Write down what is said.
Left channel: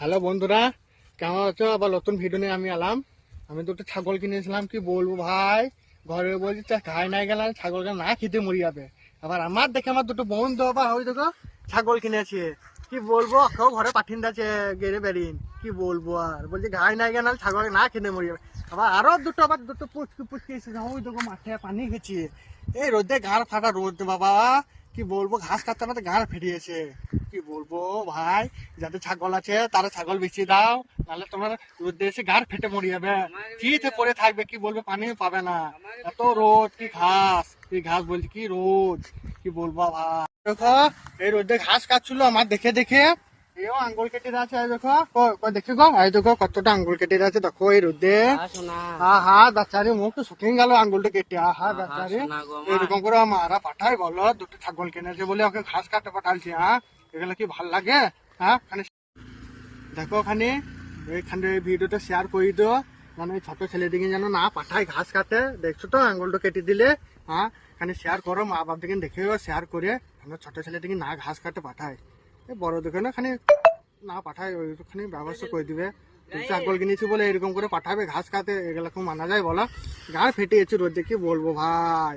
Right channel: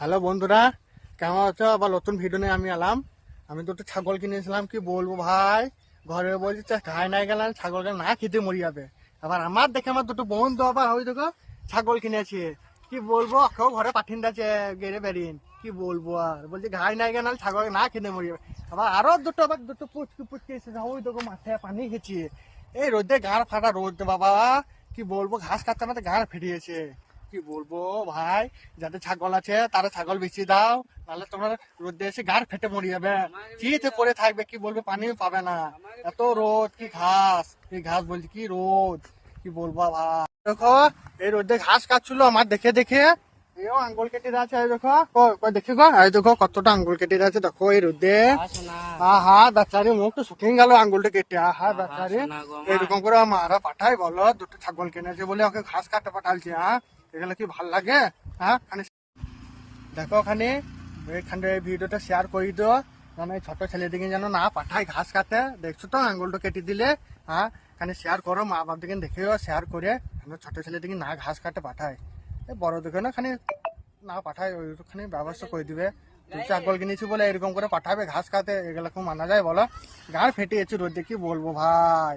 Hello বন্ধুরা, কেমন আছো? আবার নতুন ভিডিও নিয়ে আমি এলাম। আমি দুটো ছাগল কিনেছিলাম, কি বলবো ভাই। ঘরে বলছি খাই নাই গেলাম, ছাগলকে না খেতে মরি যাবে। আবার আমার দেখে আমার দুটো বন্ধু আবার ওই দেখো ছাগল কিনেছে, কি বলবো, কেউ ঘরে পাঠিয়ে দিয়েছে গেড়ে বেরিন, কি বলবো। আর বলছি ঘাই নাই গেলাম, ছাগলকে না খেতে মরি যাবে। আবার দুটো পুচকি পুচকি এসে ওই দেখো মাঠে পানি খেয়েছি। এই রোদে গাঁড় ফাটা রোদ বাবা, কি বলবো, ঘাস কাটতে আমাদের গাঁড় ফেরিয়েছে। কি বলবো ভাই, যাদের ছাগল আছে তারা ছাগল বেশি দাও, নাহলে তোমার রোদে এসে গাড় ফেটে মরে যাবে। শীতে পরে থাকবে, কি বলবে, পানিও পাবে না। এত রোদ, কি ঘাস, এই ঘাস বলছি কি রোদ, কি বলবো ভাই। দেখো এই রোদে ঘাস কাটছিল আমার দেখে দেখে, এও আঙ্গুল কেটে আছে। এই দেখো দেখে গো, এই দেখো কতটা আঙ্গুল কেটে আছে, দেখো এই রোদে। হা বাচ্চারি মুখ তো শুকিয়ে গেল আঙ্গুলটা কেটে। বাচ্চারি এরকম করে মারা পাঠাই বলো, দুটো ছাগল কিনেছে বলে ওকে ঘাস কাটতে পাঠালছে। এগুলো কি ভাল লাগে? দেখো ওখানে, এইখানে ভিডিওটা শেয়ার করে দিও, যেন এই ছোট ছেলেদিকে যেন না পাঠায় ঘাস কাটে। দেখছো তো আঙ্গুলটা কেটে দিলে। খানে শেয়ার করো, মা বাপ দিকে দেখে শেয়ার করে, ছোট ছেলেদিকে না ঘাস কাটে পাঠায়। এই বড় দিকে না খানি না পাঠায়, ওইখানে ব্যবস্থা করে দিবে। ছাগল কিনেছি বলে এরকম করে পাঠাবে ঘাস কাটে, এগুলো খুব মানা যায় বলো? গাছ ফেটে গেছে রোদে, কি বলবো ভাই।